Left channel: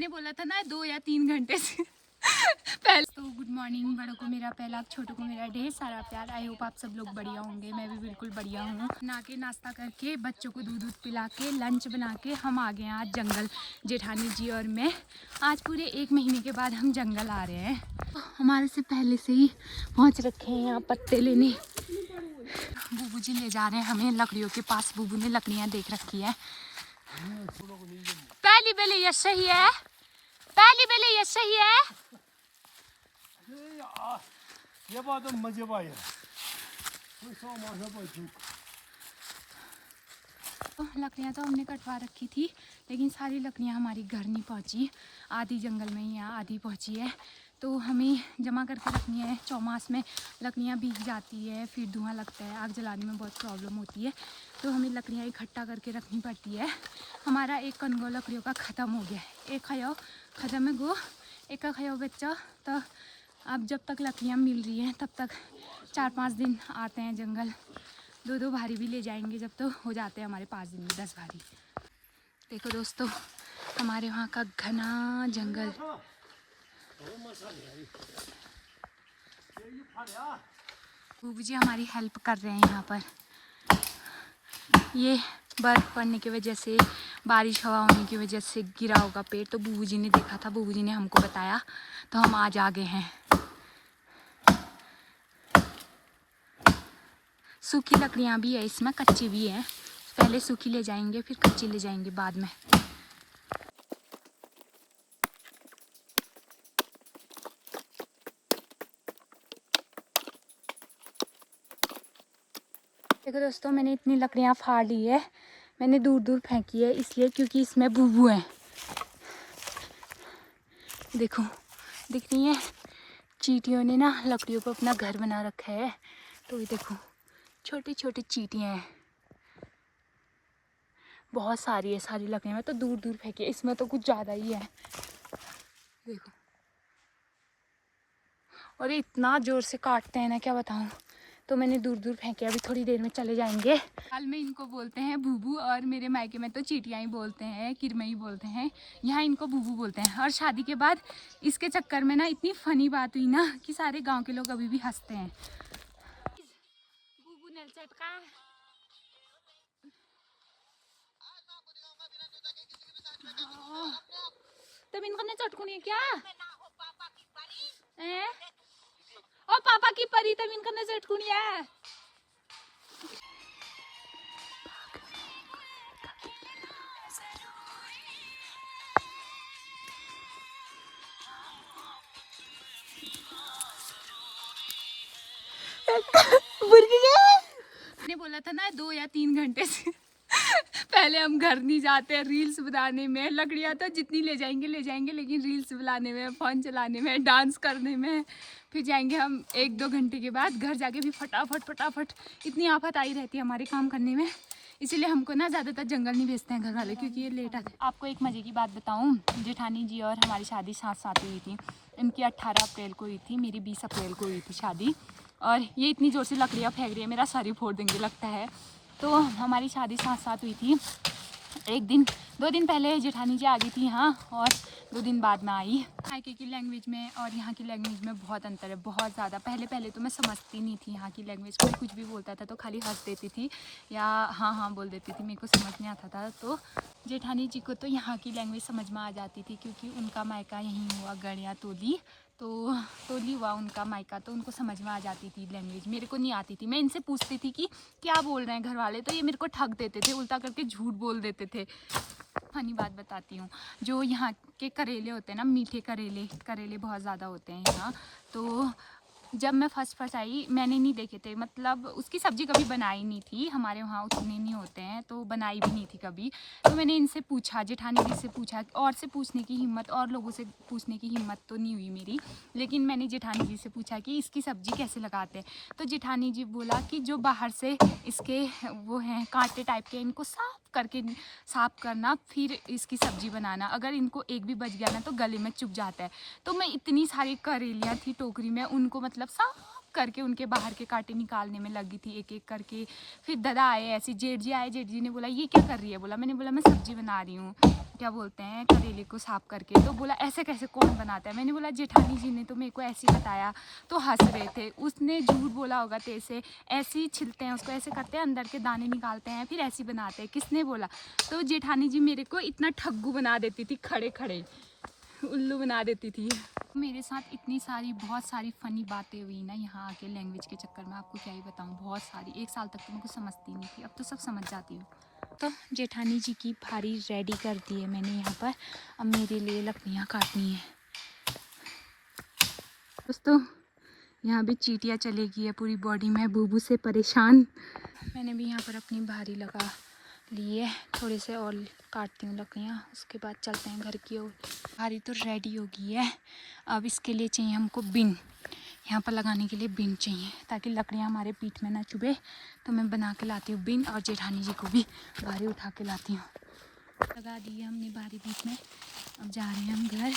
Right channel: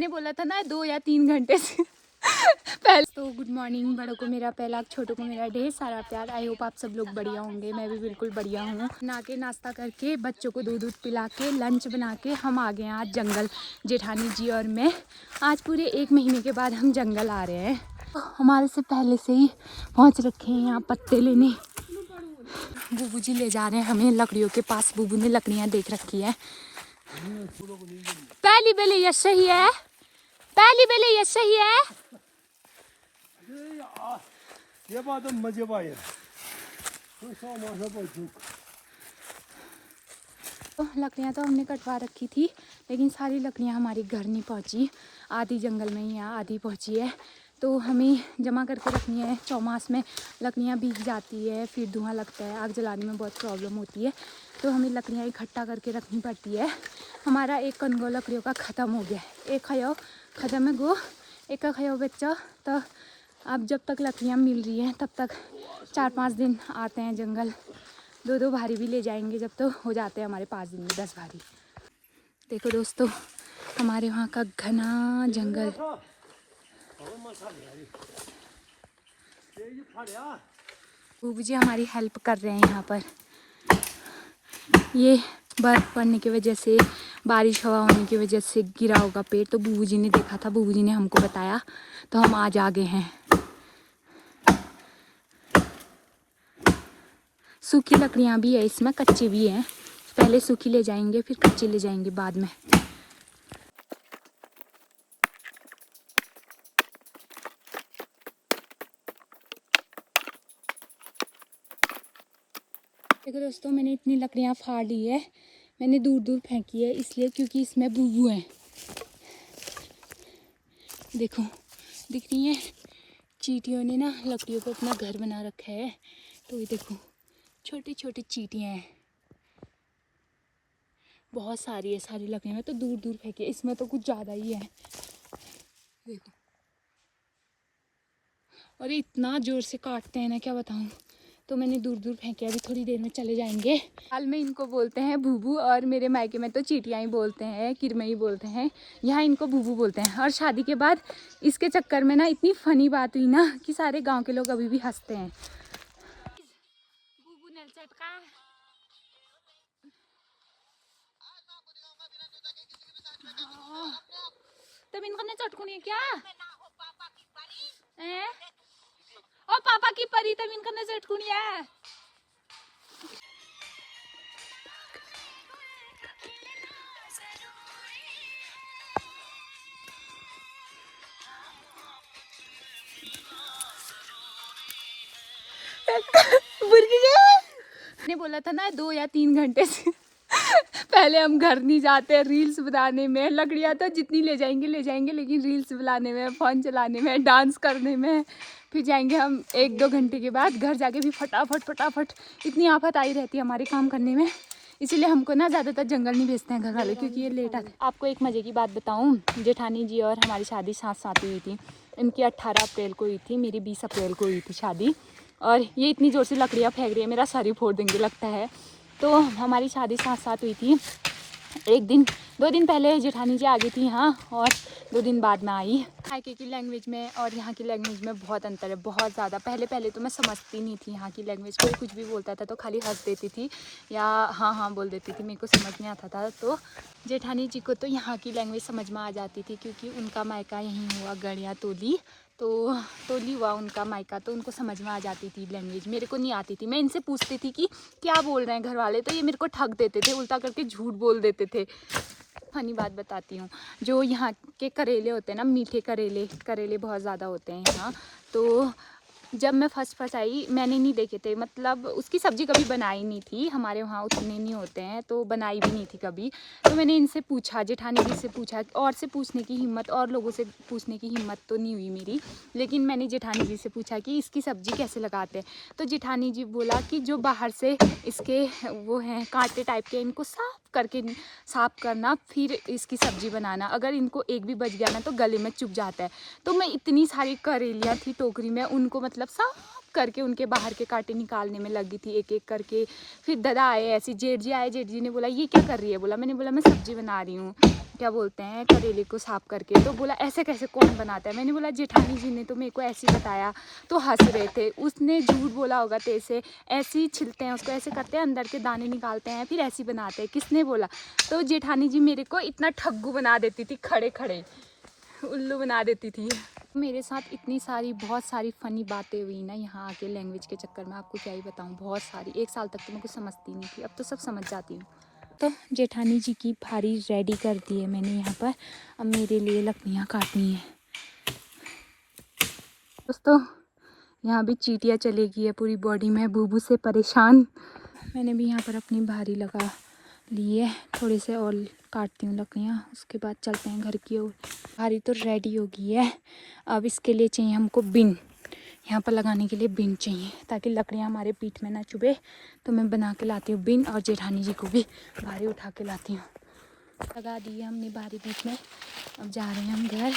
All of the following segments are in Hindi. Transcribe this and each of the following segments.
ने बोला था ना 2 या 3 घंटे से पहले। तो गुड मॉर्निंग, बड़ों को मेरा पहला, छोटों को मेरा ढेर सारा प्यार। आई होप आप सब लोग बढ़िया होंगे। मैं भी बिल्कुल बढ़िया हूँ। नहा के नाश्ता करके बच्चों को दूध पिला के लंच बना के हम आ गए हैं आज जंगल। जेठानी जी और मैं आज पूरे 1 महीने के बाद हम जंगल आ रहे हैं। तो हमारे से पहले से ही पहुँच रखे हैं यहाँ पत्ते लेने। बूबू जी ले जा रहे हैं हमें लकड़ियों के पास। बूबू ने लकड़ियाँ देख रखी है। पहली बेले ये सही है, पहली बेले ये सही है। ये बात तो मजे पाए। तो लकड़ियाँ तो हमने कटवा रखी थी, लेकिन सारी लकड़ियाँ हमारी घर नहीं पहुँची। आधी जंगल में ही है, आधी पहुँची है। तो हमें जमा करके रखनी है। चौमास में लकड़ियाँ भीग जाती है, फिर धुआं लगता है, आग जलाने में बहुत प्रॉब्लम होती है। तो हमें लकड़ियाँ इकट्ठा करके रखनी पड़ती है। हमारा एक कनगो लकड़ियों का ख़त्म हो गया है। एक खयो ख़त्म है गो, एक का खयो बच्चा। तो अब जब तक लकड़ियाँ मिल रही हैं तब तक 4-5 दिन आते हैं जंगल। 2-2 भारी भी ले जाएंगे जब तो हो जाते हैं हमारे 5 दिन में 10 भारी। देखो दोस्तों, हमारे वहाँ का घना जंगल। बूबू जी हमारी हेल्प कर रहे हैं यहाँ पर। ये बर्फ़ पड़ने की वजह से, बारिश हवा होने की वजह से गिरा होगा पेड़। तो बूबू जी ने देखा था, बूबू जी ने हमको बताया, तो हम आज आ गए हैं। सूखी लकड़ियाँ भी है इसमें, कच्ची भी हैं। पहले सूखी ले जाएंगे, फिर कच्ची ले जाएंगे बाद में। देखो दोस्तों, मैंने इतनी लकड़ियाँ फाड़ ली है। मैंने दूर दूर फेंकी है इसलिए क्योंकि इसमें बूबू हैं। देखो दिख रही है, चींटियों ने ना लकड़ियों पर अपना घर बना रखा है। तो ये देखो छोटी छोटी चींटियाँ हैं, बहुत सारी है। सारी लकड़ियाँ मैं तो दूर दूर फेंकी है, इसमें तो कुछ ज़्यादा ही है। देखो, और ये इतना ज़ोर से काटते हैं ना, क्या बताऊँ। तो मैंने दूर दूर फेंके, अभी थोड़ी देर में चले जाएंगे। हाल में इनको बोलते हैं बूबू, और मेरे मायके में तो चींटियाँ ही बोलते हैं, किरमई बोलते हैं। यहाँ इनको बूबू बोलते हैं। और शादी के बाद इसके चक्कर में ना इतनी फनी बात हुई ना कि सारे गांव के लोग अभी भी हंसते हैं। बूबू ने चटका तब इनको ने चटकुनी है क्या है? और पापा की परी तब इनको ने चटकुनी है। ने बोला था ना 2 या 3 घंटे से पहले हम घर नहीं जाते। रील्स बनाने में लकड़ियाँ तो जितनी ले जाएंगे, लेकिन रील्स बनाने में, फ़ोन चलाने में, डांस करने में फिर जाएंगे हम 1-2 घंटे के बाद। घर जाके भी फटाफट इतनी आफत आई रहती है हमारे काम करने में। इसीलिए हमको ना ज़्यादातर जंगल नहीं भेजते हैं घर वाले, क्योंकि ये लेट आते हैं। आपको एक मज़े की बात बताऊँ, जेठानी जी और हमारी शादी साथ हुई थी। इनकी 18 अप्रैल को हुई थी, मेरी 20 अप्रैल को हुई थी शादी। और ये इतनी ज़ोर से लकड़ियाँ फेंक रही है, मेरा सर ही फोड़ देंगे लगता है। तो हमारी शादी साथ हुई थी। 2 दिन पहले जेठानी जी आ गई थी यहाँ, और 2 दिन बाद में आई। मायके की लैंग्वेज में और यहाँ की लैंग्वेज में बहुत अंतर है, बहुत ज़्यादा। पहले तो मैं समझती नहीं थी यहाँ की लैंग्वेज। कोई कुछ भी बोलता था तो खाली हंस देती थी या हाँ बोल देती थी, मेरे को समझ नहीं आता था। तो जेठानी जी को तो यहाँ की लैंग्वेज समझ में आ जाती थी, क्योंकि उनका मायका यहीं हुआ गड़िया तोली। तो तोली हुआ उनका मायका, तो उनको समझ में आ जाती थी लैंग्वेज। मेरे को नहीं आती थी। मैं इनसे पूछती थी कि क्या बोल रहे हैं घर वाले, तो ये मेरे को ठग देते थे, उल्टा करके झूठ बोल देते थे। फनी बात बताती हूँ, जो यहाँ के करेले होते हैं ना, मीठे करेले बहुत ज़्यादा होते हैं यहाँ। तो जब मैं फर्स्ट आई, मैंने नहीं देखे थे, मतलब उसकी सब्ज़ी कभी बनाई नहीं थी, हमारे वहाँ उतने नहीं होते हैं, तो बनाई भी नहीं थी कभी। तो मैंने इनसे पूछा, जेठानी जी से पूछा, और से पूछने की हिम्मत, और लोगों से पूछने की हिम्मत तो नहीं हुई मेरी, लेकिन मैंने जेठानी जी से पूछा कि इसकी सब्ज़ी कैसे लगाते हैं। तो जेठानी जी बोला कि जो बाहर से इसके वो हैं कांटे टाइप के, इनको साफ करना, फिर इसकी सब्ज़ी बनाना। अगर इनको एक भी बच गया ना तो गले में चुभ जाता है। तो मैं इतनी सारी करेलियाँ थी टोकरी में, उनको मतलब साफ करके उनके बाहर के कांटे निकालने में लगी थी, एक एक करके। फिर दादा आए, ऐसी जेठ जी आए, जेठ जी ने बोला ये क्या कर रही है, बोला मैंने बोला मैं सब्जी बना रही हूँ, क्या बोलते हैं, करेले को साफ करके। तो बोला ऐसे कैसे कौन बनाता है, मैंने बोला जेठानी जी ने तो मेरे को ऐसे ही बताया। तो हंस रहे थे, उसने झूठ बोला होगा तेरे से, ऐसे ही छिलते हैं उसको, ऐसे करते हैं, अंदर के दाने निकालते हैं, फिर ऐसे ही बनाते हैं, किसने बोला। तो जेठानी जी मेरे को इतना ठग्गू बना देती थी, खड़े खड़े उल्लू बना देती थी। मेरे साथ इतनी सारी बहुत सारी फ़नी बातें हुई ना यहाँ आके, लैंग्वेज के चक्कर में आपको क्या ही बताऊँ, बहुत सारी। 1 साल तक तो मैं कुछ समझती नहीं थी, अब तो सब समझ जाती हूँ। तो जेठानी जी की भारी रेडी कर दी है मैंने यहाँ पर, अब मेरे लिए लकड़ियाँ काटनी है। दोस्तों यहाँ भी चींटियाँ चलेगी है पूरी बॉडी में, बूबू से परेशान। मैंने भी यहाँ पर अपनी भारी लगा ली है, थोड़े से और काटती हूँ लकड़ियाँ, उसके बाद चलते हैं घर की ओर। भारी तो रेडी हो गई है, अब इसके लिए चाहिए हमको बिन, यहाँ पर लगाने के लिए बिन चाहिए ताकि लकड़ियाँ हमारे पीठ में ना चुभे। तो मैं बना के लाती हूँ बिन, और जेठानी जी को भी भारी उठा के लाती हूँ। लगा दी है हमने भारी पीठ में, अब जा रहे हैं हम घर।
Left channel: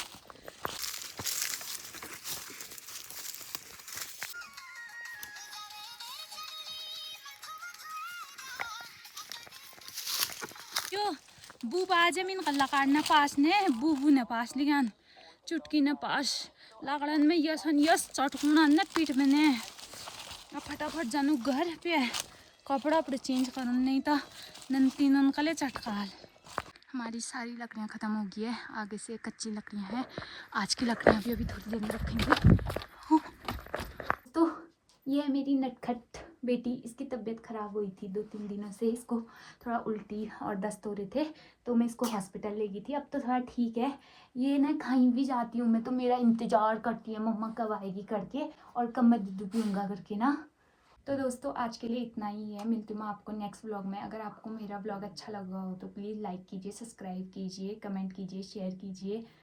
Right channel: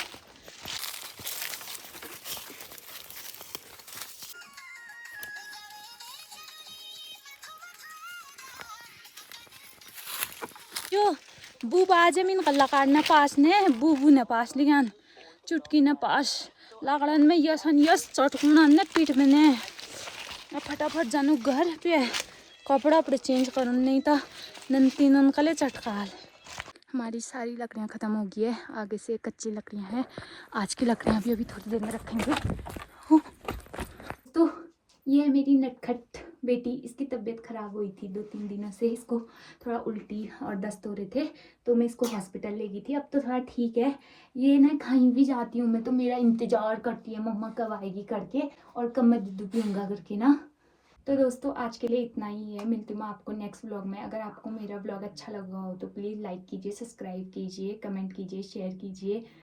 यो बूब आज मिन कल्ला काटना पास ने बूबू ने पास लियान चुटकी न पास लाकड़न में यसन यस चटकुना ने पीठ में ने। अब फटाफट जानु घर पे, कपड़ा अपने चेंज करूँ, नहीं तो नंती ननकले चटकाल। हमारी सारी लकड़ियाँ ख़त्म हो गई है, आगे से कच्ची लकड़ियाँ हैं, आज की लकड़ियाँ भी अभी थोड़ी देर में रखेंगे। तो ये मेरी नटखट बेटी, इसकी तबीयत ख़राब हुई थी 2-3 दिनों से, इसको थोड़ा उल्टी और दस्त हो रहे थे, तो मैं इसको हॉस्पिटल ले गई थी। अब तो थोड़ा ठीक है, ये ना कहीं भी जाती हूँ मैं तो मेरा इंतज़ार करती है मम्मा कब आएगी करके, और कब मैं दूध पीऊँगा करके ना। तो दोस्तों आज के लिए इतना ही है, मिलती हूँ मैं आपको नेक्स्ट व्लॉग में। अगर आपको मेरा व्लॉग अच्छा लगा हो तो प्लीज़ लाइक कीजिए, सब्सक्राइब कीजिए, कमेंट कीजिए, शेयर कीजिए।